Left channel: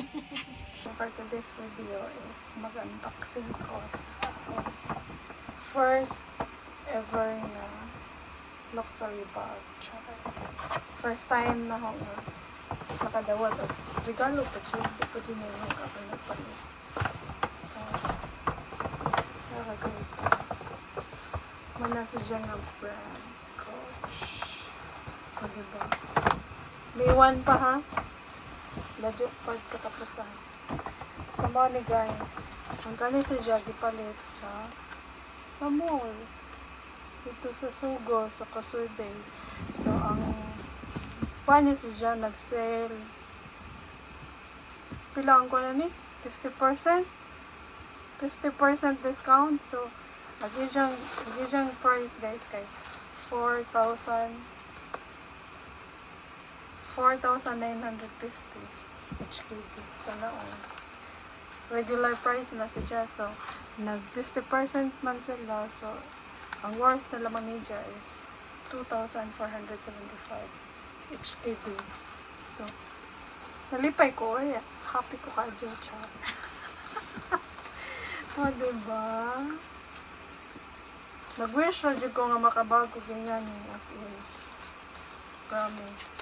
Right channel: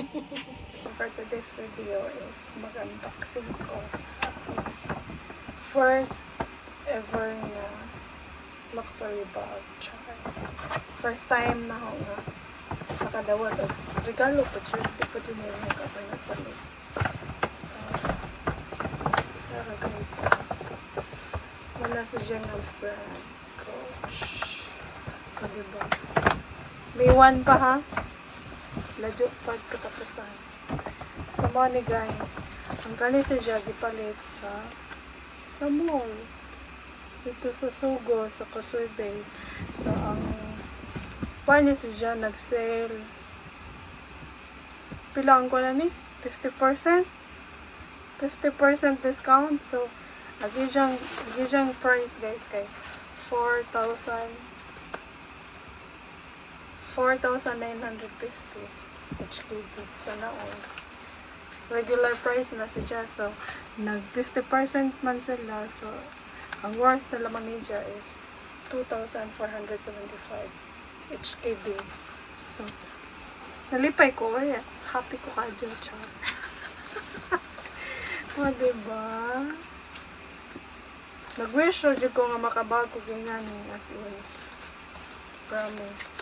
For today's video is mag-unboxing ko sa first ever na luxury bag. Char. First time na ako makadawat at regalo pa siya. Hindi pa dyan yung ako nagpalit. So, pero guys, wala sa ang brand. Coach. O, diba? May one pa ha? Medyo pagkatapusan. Sa mga ni guys, ang kani sa Jaggy palit sa sa mall. Dito sa Sugo, sa Kasurbay. So, ang paano si John nag-sale? Pilaan ko na ni? 50%? 50% discount. So, lagi diyang, lagi diyang price guys kay 4,000 4,950 HKD sa naon. Regular price na siya. So, nag 50% man sila. So, ang worth na lamang niya is 2,475 HKD. So, nalipay ko. Ay, happy ko ka dyan, char. o, diba? Nag-wish jud ko nga makabago ganyan as in. Promise.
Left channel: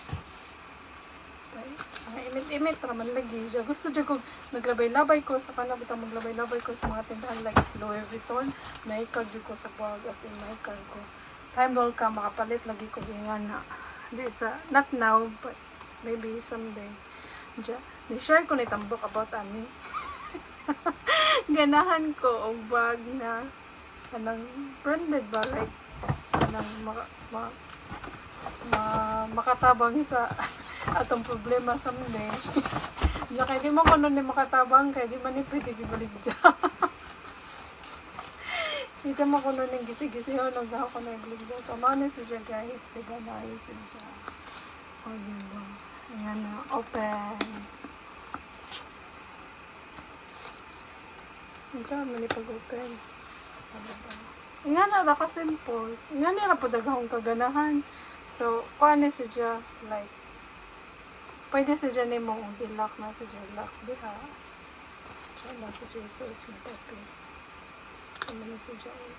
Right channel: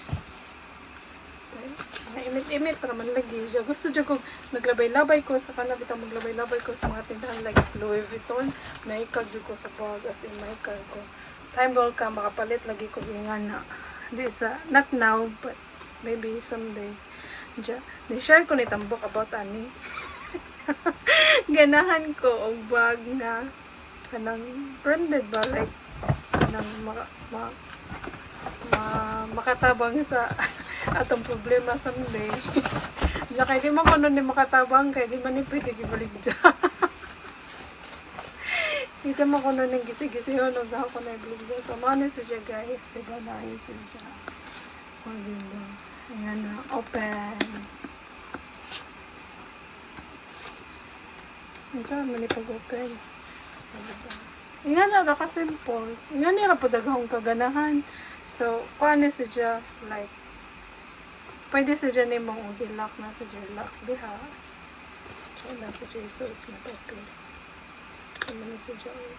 Ang imit-imit raman lagi siya. Gusto dyan kong maglabay-labay ko sa kanila bitang maglabay-labay ko sa mga tindahan like Louis Vuitton. Naikag dyan ko sa bag as in naikag ko. Time roll ka makapalit lagi ko ingan na. Hindi sa, not now but maybe someday. Diya, ni-share ko ni Tambok about ani. Ganahan ko og bag na kanang branded ba like kanang maka, ma, ma, makatabang sa atong problema someday. Diya kay di ko nun ni makatabang kay di man ni pwede gibalik dya. Di siya mo ko nun ng gisi-gisi yun og ako na ibalik dya. So mano si dya guys. Diba na ayos si dya. O diba. Ayan na. Open. Diyan man ipag-open. O diba. Ayan na ra ka simple. Ayan na ra po daghang kaganahan. So, paano si dya like Pwede sa dyan yung mga hilak na sa lock diha. So, na sa dyan search na papel. Ano na sa dyan.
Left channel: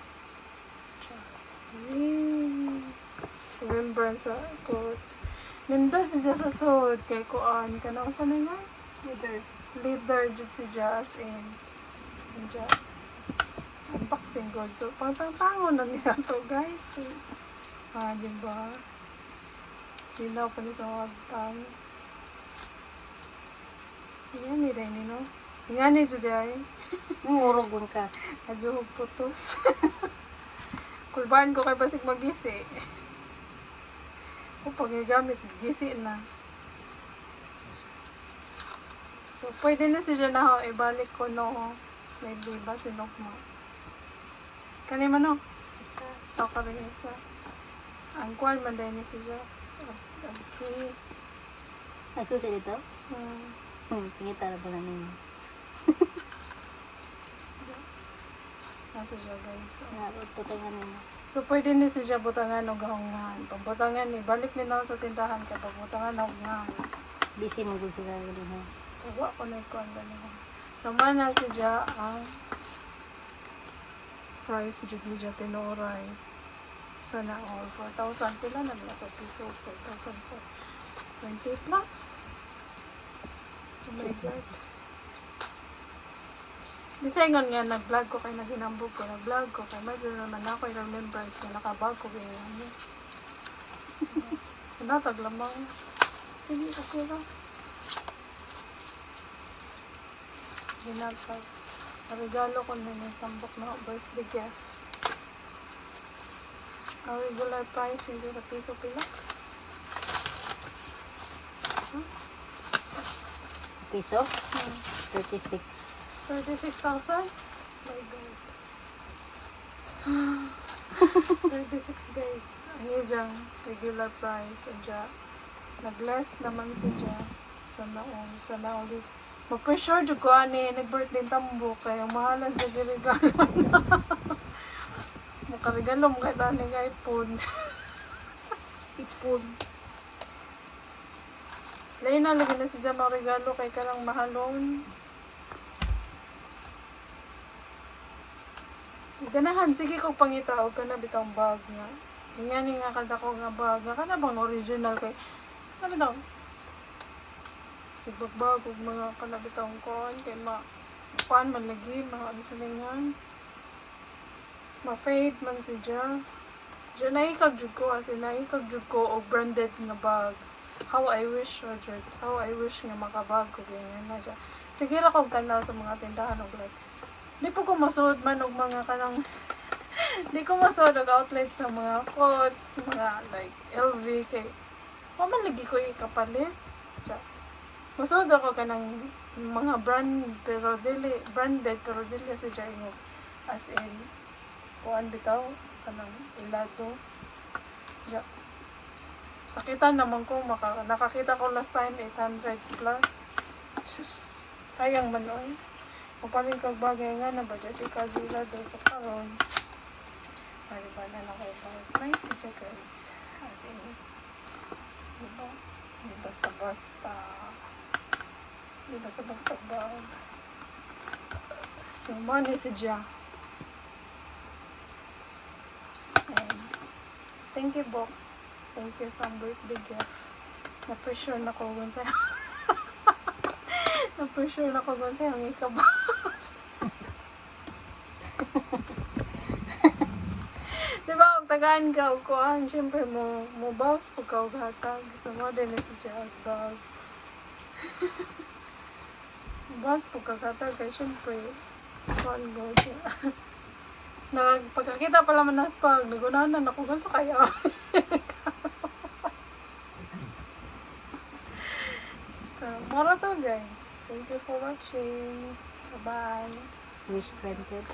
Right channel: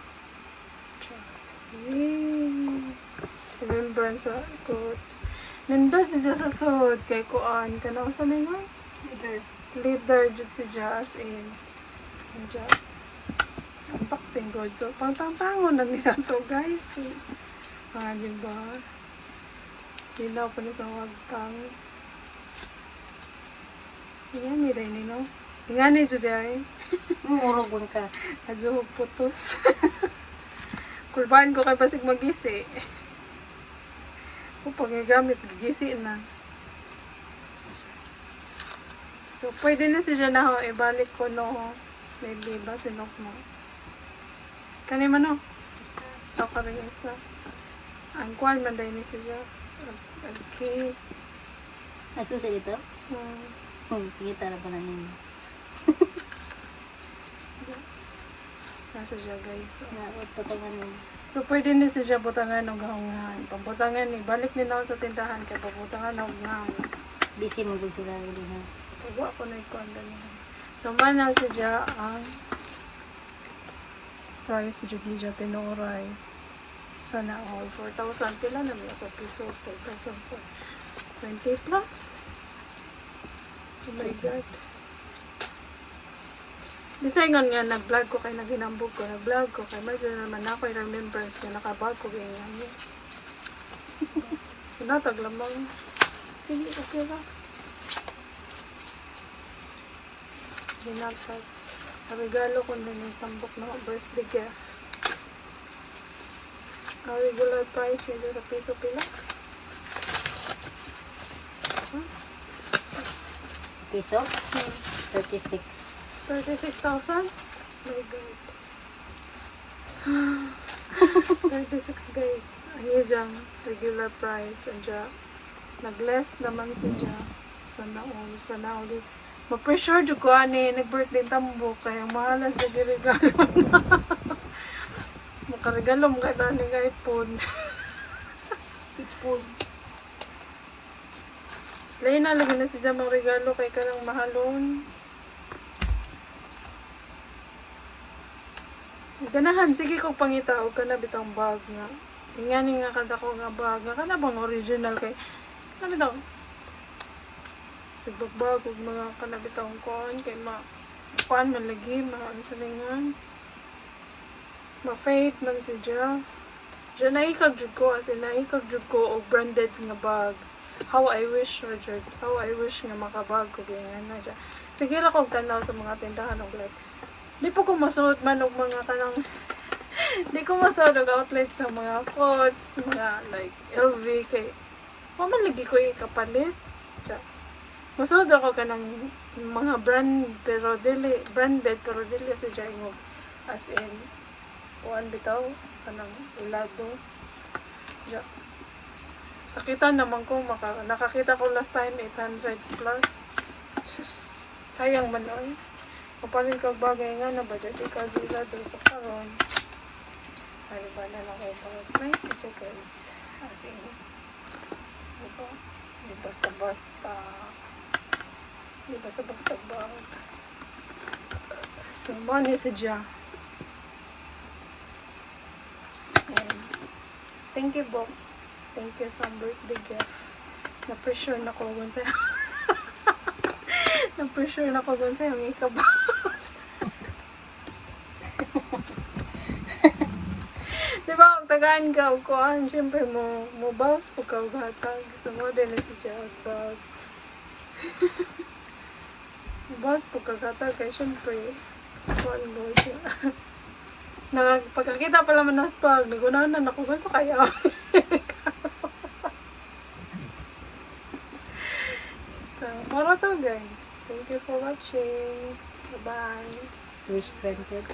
Remembrance sa quotes. Nindot si dyan sa suod kay kuan. Kanang sa nila? Leader. Leader dyan si dyan as in. Dyan. Unboxing good. So, pang-pang-pango na niya to guys. Ah, diba? Sino pa na sa magtang. Yan ni Rene, no? Yan ni Juday. Murugon ka. Adyo putos. Kulbaan ko kay pasig magisi. Kung pagagamit, gisi na. So, pwede na siya na ho, ibalik ko no, maybe ba sinok mo. Kani man no? Isa. Ito ka rin isa. Ang kwan man dahil ni siya. Okay. Nagsusi dito? Hmm. Hmm, kita na pala ninyo. Nasa siya guys. So, mo. So, pwede ni siya butangan ng gahungan. Pagbutangan ni, balik nila sa tindahan kay pagbutangan ng gahungan. Busy mo kung sila yun ha. Pagwa ko na ikuan nila. So, mana siya ang price jud ni siya tinoray. Sana all 4,000 pila na nila sa piso 4,000 po. 20 plus. Oh my God. Disayngon nga nag-vlog ko kay naghinambog ko, nag-vlog ko kay medyo naman ako yung remembrance nga nakabag ko kay nga niya. Sinatag lamang. Sige, okay ra. Binatag. Regalo ko na yung tambok na birthday gift. Ang regular price nito sa piso pila. Piso? Hmm. 36. 36,000? My God. 36 guys. Ang iyang regular price. Ang dya. Nag-less naman sa dya. Sa naon. Sa naon. Ma-pressure dyan ko ani. Nag-birthday tambo. Kaya mahalas na regalo. Makaregalo mo kahit ani nga iPhone. iPhone. Lain na lagi na si Jam ang regalo kay karang mahalon. Ganahan, sige ko pangitaw ka na bitang bag nga. Ingani nga kada ko nga bag nga kana bang original kay ano daw? Sigbag ug mga kanabitang kon kay ma kuan man lagi mga ano sa lingan. Ma-fade man si Ja. Ja naikag jud ko as in naikag jud ko og branded nga bag. How I wish na jud. How I wish nga makabag ko ganyan na siya. Sige ra kog tanaw sa mga tindahan og like Di po ko masuot man og mga kanang Di ko masuot og outlet sa mga coats, mga like LV kay wa man lagi ko ikapalit. Siya. Masuot ako kanang mga brand pero dili branded pero dili sa jaingo as in kuan bitaw kanang ilado. Ja. Sakitan naman ko maka, nakakita ko last time 800 plus. Sus, sayang man oy. Kapalit kag bagay nga na budget ikaw sila do sa karon. Ay ba na lang kayo pag nice siya guys. As in, diba? Di basta-basta. Di basta-basta ba? So, money si Ja. And, thank you, Bok. Thank you sa birthday gift. Na-pressure na ko kung sa Na-pressure na ko kung sa yung ikabas. Di ba, ang tagaan ka, kuhan, syempre mo, mo bounce po ka, o hatag. Sa mo din si Jack Bag. bounce po ka, hatag, kaya syempre, kuhan mo siya. na pagkakita pala man ng spag, nagunahan na ako sa kaya. So, mara to guys. Thank you for watching. Bye-bye. Wish granted.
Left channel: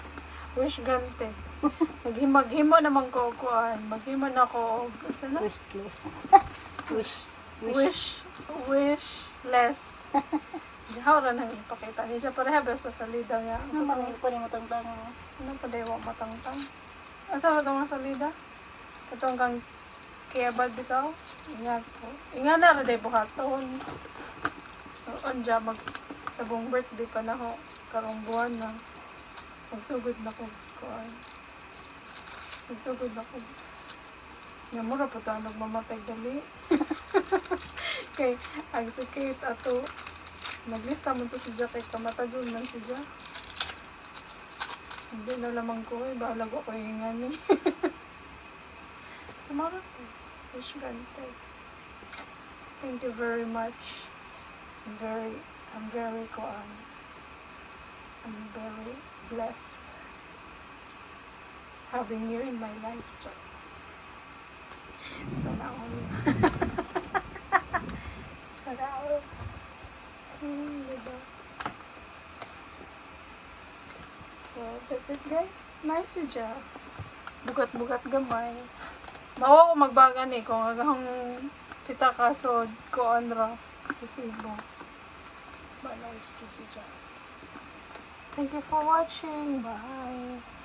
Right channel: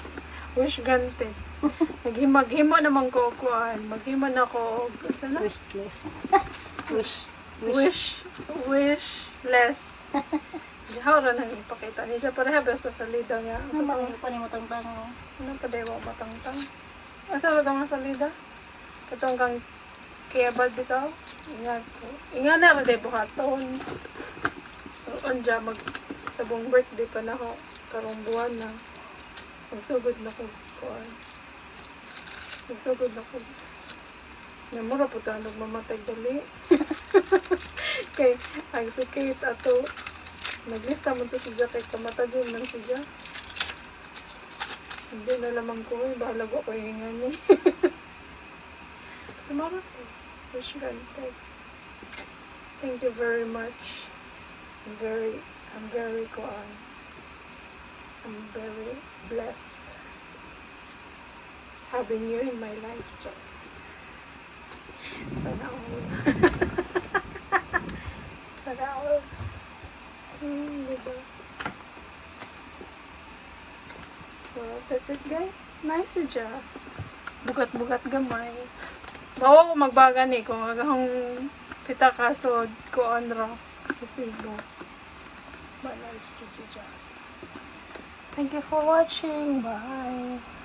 Wish granted. Naghimag-himo naman ko kuan. Maghimo na ko sana Wishless. Wish. wish wish less. Dihaw ra nang ipakita ni siya para habas sa salida nga. Ano Sa ba tong yung pa ni mo tangtang mo? ano pa dewa matangtang. Asa ko tong salida? Katong kang kebab bitaw. Ingat ko. Ingat na ra day buhaton. So anja mag tabong birthday pa na ko karong buwan na. Magsugod na ko kuan. Magsugod na ko. Namura po tayo nagmamatay dali. Kay, ang si Kate ato, naglista mo to si Jack kay kamatagon man si Jack. Hindi na lamang ko eh, bahala ko kayo nga ni. Sumaro ko. Wish granted. Thank you very much. I'm very, I'm very, kuan. I'm very blessed having you in my life, Jack. Sana all. Sana all. Hmm, diba? So, that's it guys. Nice siya. Bugat-bugat gamay. Bawa ko magbagan eh kung hanggang pita kasod ko anra. Resibo. But siya. Thank you for watching. Bye.